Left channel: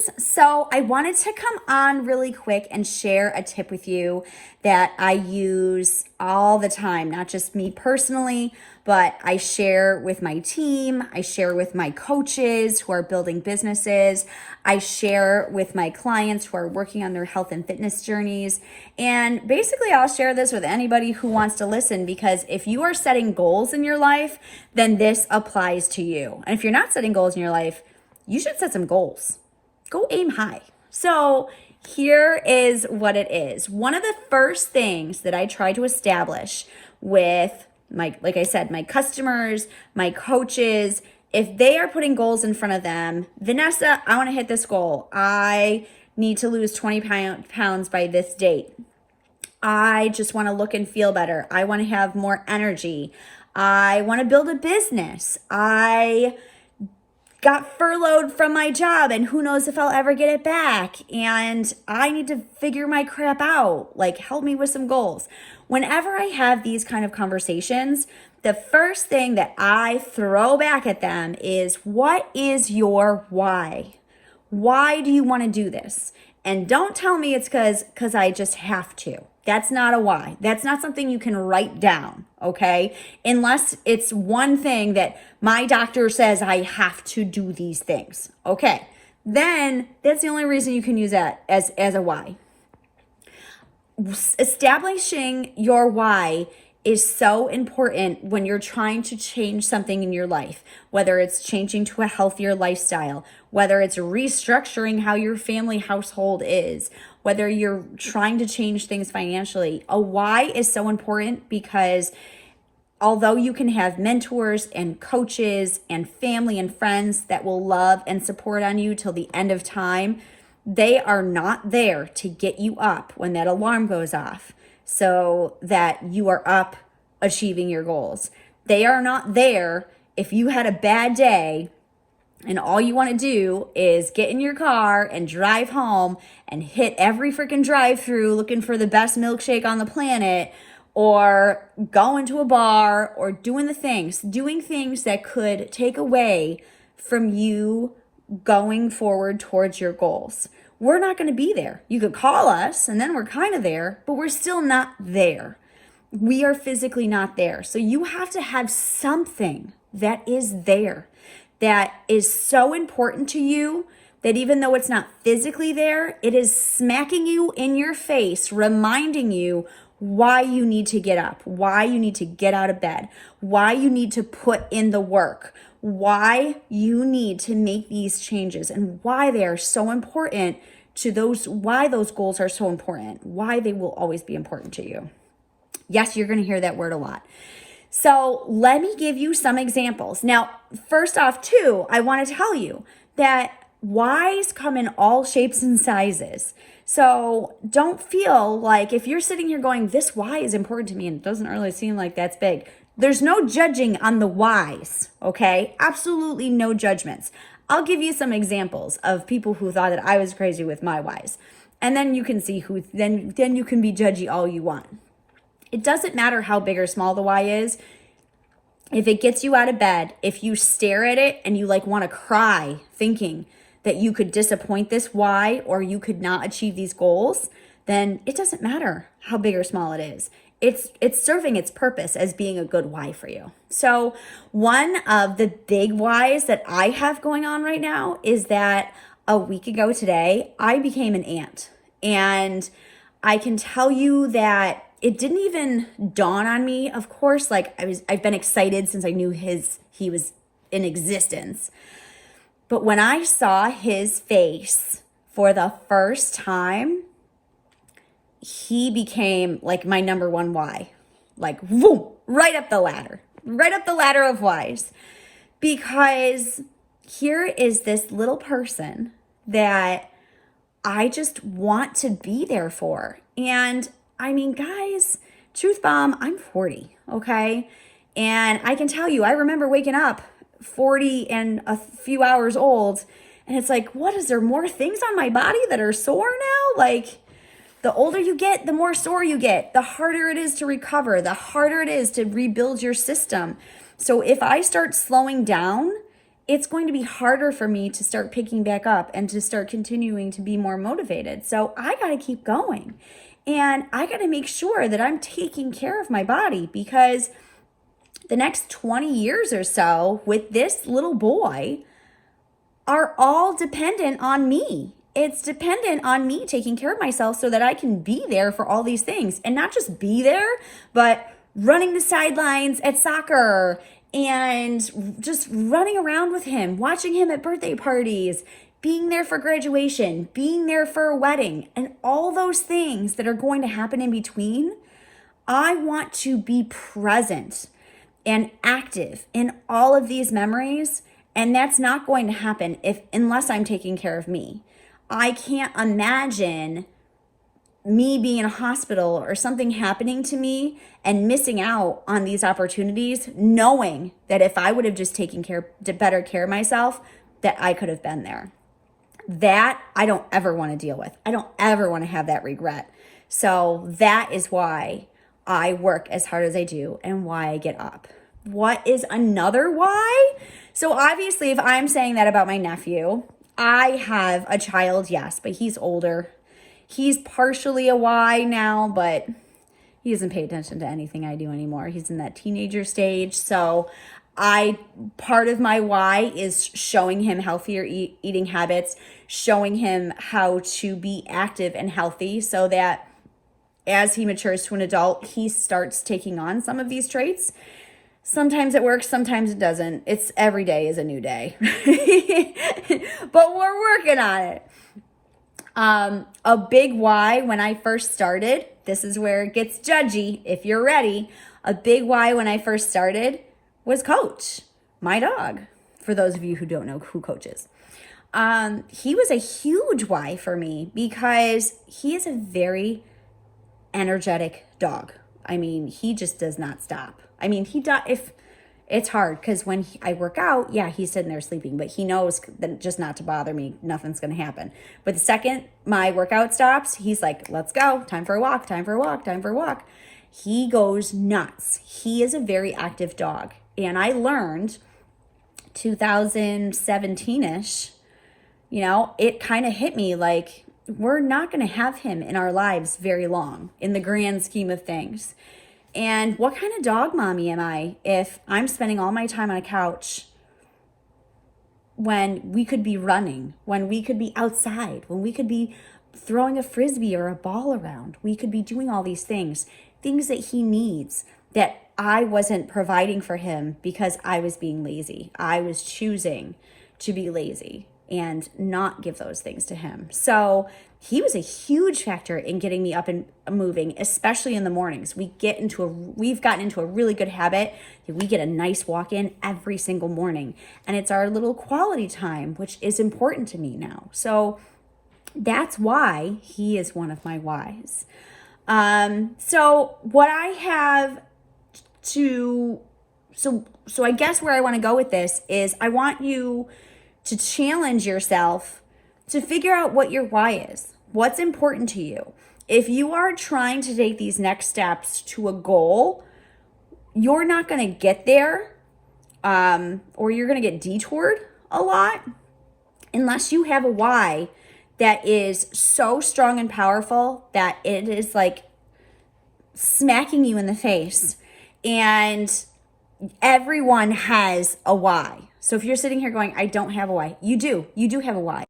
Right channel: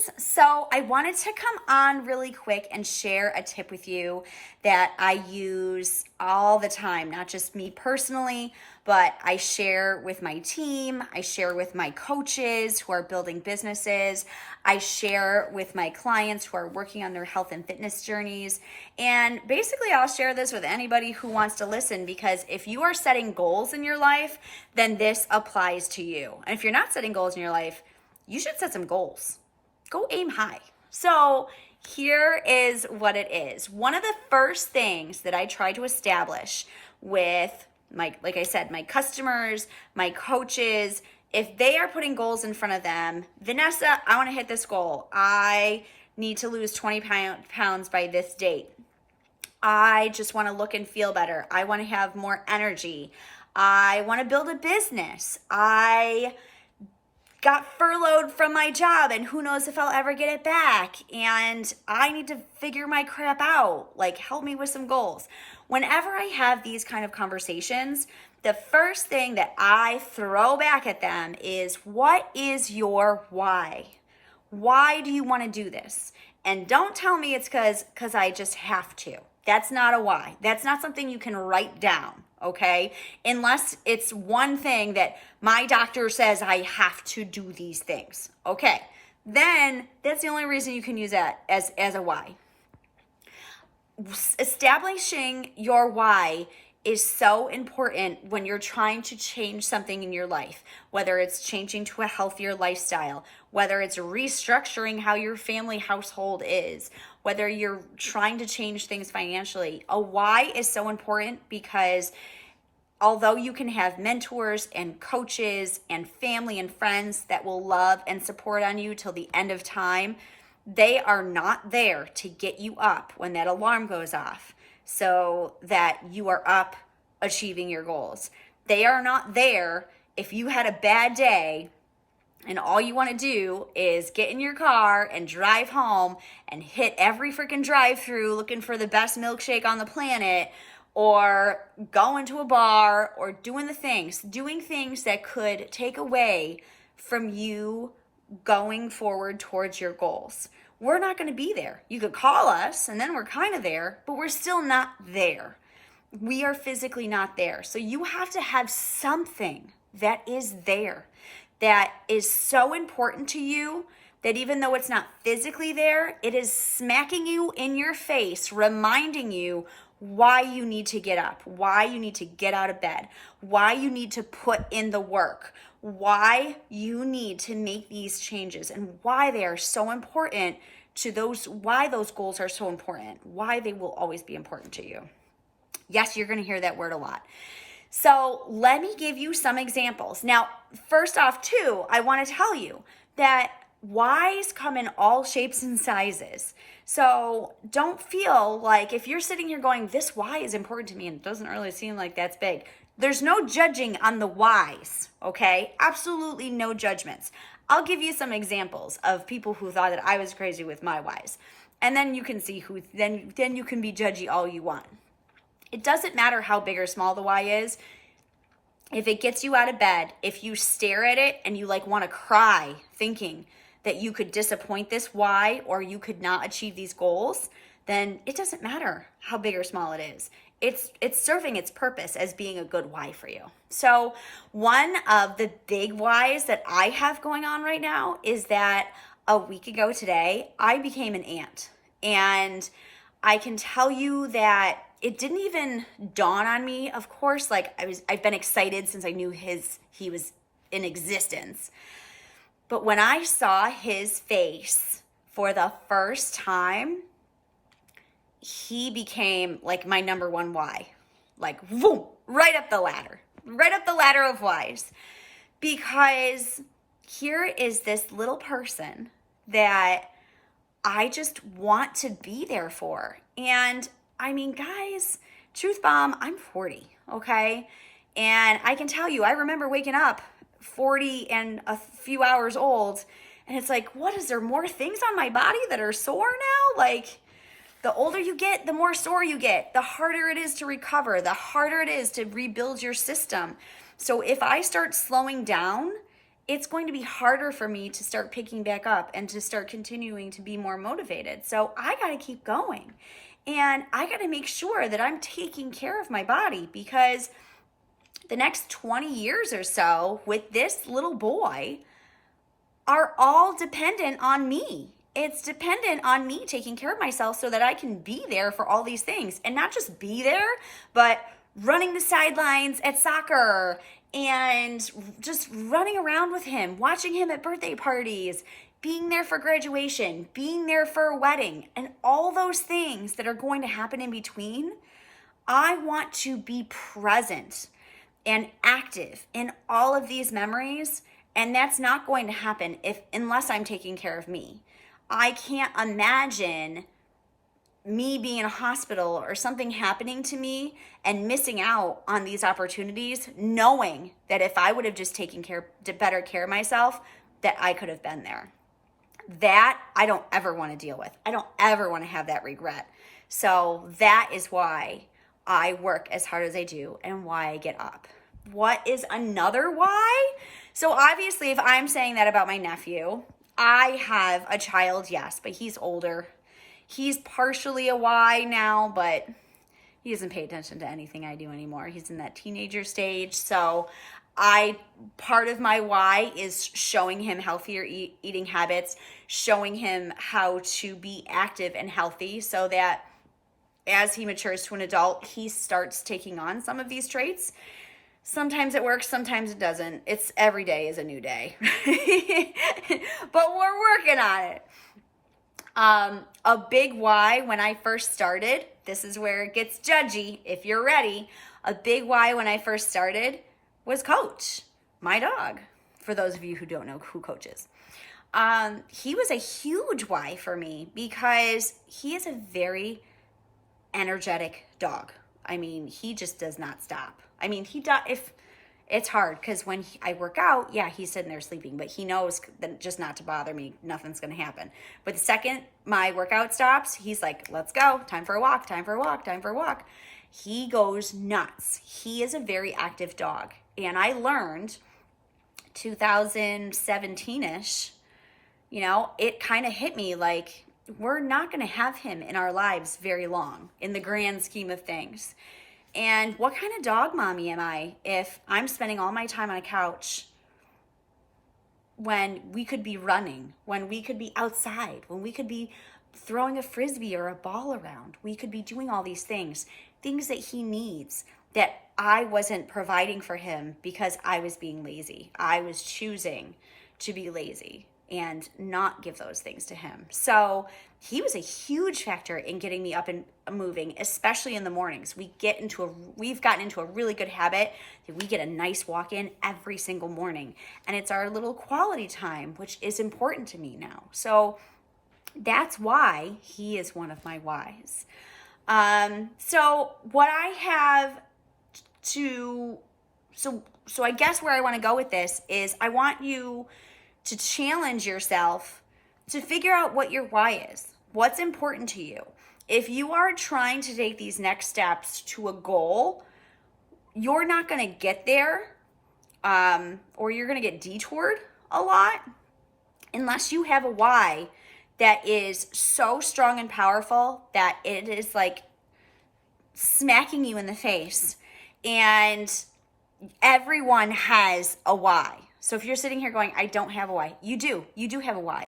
friends. So I wanted to come on really quick and share a tip with you that I use all the time, not just me personally, but I share with my team. I share with my coaches who are building businesses. I share with my clients who are working on their health and fitness journeys. And basically, I'll share this with anybody who wants to listen, because if you are setting goals in your life, then this applies to you. And if you're not setting goals in your life, you should set some goals. Go aim high. So here is what it is. One of the first things that I try to establish with like I said, my customers, my coaches, if they are putting goals in front of them, Venessa, I want to hit this goal. I need to lose 20 pounds by this date. I just want to look and feel better. I want to have more energy. I want to build a business. I got furloughed from my job and who knows if I'll ever get it back. And I need to figure my crap out. Like, help me with some goals. Whenever I have these kind of conversations, the first thing that I throw back at them is, what is your why? Why do you want to do this? And don't tell me it's because I just have to. That's not a why. That's not something you can write down, okay? Unless it's one thing that my doctor says I have to do these things, okay? Then that's the only reason you can use that as a why. Establishing your why is so important when you're trying to change something in your life, whether it's changing to a healthier lifestyle, whether it's restructuring how your family household is, whether you're trying to change things financially. A why is so important because although you can have mentors and coaches and family and friends that will love and support on you till the end of time, they are not there to get you up when that alarm goes off so that you are up achieving your goals. They are not there if you had a bad day and all you want to do is get in your car and drive home and hit every freaking drive-through looking for the best milkshake on the planet, or go into a bar, or doing things that could take away from you going forward towards your goals. We're not going to be there. You could call us and then we're kind of there, but we're still not there. We are physically not there. So you have to have something that is there, that is so important to you that even though it's not physically there, it is smacking you in your face, reminding you why you need to get up, why you need to get out of bed, why you need to put in the work, why you need to make these changes, and why they are so important to why those goals are so important, why they will always be important to you. Yes, you're going to hear that word a lot. So let me give you some examples. Now, first off, too, I want to tell you that whys come in all shapes and sizes. So don't feel like if you're sitting here going, this why is important to me, and it doesn't really seem like that's big. There's no judging on the whys, okay? Absolutely no judgments. I'll give you some examples of people who thought that I was crazy with my whys. And then you can see then you can be judgy all you want. It doesn't matter how big or small the why is. If it gets you out of bed, if you stare at it and you want to cry thinking that you could disappoint this why or you could not achieve these goals, then it doesn't matter how big or small it is. It's serving its purpose as being a good why for you. So one of the big whys that I have going on right now is that a week ago today, I became an aunt. And I can tell you that it didn't even dawn on me. Of course, I've been excited since I knew he was in existence. But when I saw his face for the first time, he became my number one why. Boom, right up the ladder of whys. Because here is this little person that I just want to be there for. And I mean, guys, truth bomb, I'm 40, okay? And I can tell you, I remember waking up 40 and a few hours old, and it's what is there more things on my body that are sore now? The older you get, the more sore you get, the harder it is to recover, the harder it is to rebuild your system. So if I start slowing down, it's going to be harder for me to start picking back up and to start continuing to be more motivated. So I got to keep going. And I got to make sure that I'm taking care of my body, because the next 20 years or so with this little boy are all dependent on me. It's dependent on me taking care of myself so that I can be there for all these things, and not just be there, but running the sidelines at soccer and just running around with him, watching him at birthday parties, being there for graduation, being there for a wedding, and all those things that are going to happen in between. I want to be present and active in all of these memories, and that's not going to happen unless I'm taking care of me. I can't imagine me being in a hospital or something happening to me and missing out on these opportunities, knowing that if I would have just taken better care of myself, that I could have been there. That I don't ever want to deal with. I don't ever want to have that regret. So that is why I work as hard as I do and why I get up. What is another why? So obviously, if I'm saying that about my nephew, I have a child, yes, but he's older. He's partially a why now, but he doesn't pay attention to anything I do anymore. He's in that teenager stage. So part of my why is showing him healthier eating habits, showing him how to be active and healthy, so that as he matures to an adult, he starts taking on some of these traits. Sometimes it works, sometimes it doesn't. It's every day is a new day, but we're working on it. A big why when I first started, this is where it gets judgy if you're ready. A big why when I first started was Coach, my dog, for those of you who don't know who Coach is. He was a huge why for me because he is a very energetic dog. I mean, he just does not stop. I mean, if it's hard because when I work out, yeah, he's sitting there sleeping, but he knows that just not to bother me. Nothing's going to happen. But the second my workout stops, he's like, let's go. Time for a walk, time for a walk, time for a walk. He goes nuts. He is a very active dog. And I learned 2017-ish, it kind of hit me like, we're not going to have him in our lives very long in the grand scheme of things. And what kind of dog mommy am I if I'm spending all my time on a couch when we could be running, when we could be outside, when we could be throwing a frisbee or a ball around? We could be doing all these things that he needs that I wasn't providing for him because I was being lazy. I was choosing to be lazy and not give those things to him. So he was a huge factor in getting me up and moving, especially in the mornings. We've gotten into a really good habit that we get a nice walk in every single morning. And it's our little quality time, which is important to me now. So that's why he is one of my whys. So what I have so I guess where I want to go with this is I want you to challenge yourself to figure out what your why is. What's important to you? If you are trying to take these next steps to a goal, you're not going to get there, or you're going to get detoured a lot unless you have a why that is so strong and powerful that it is like smacking you in the face. And everyone has a why. So if you're sitting here going, I don't have a why, you do have a why.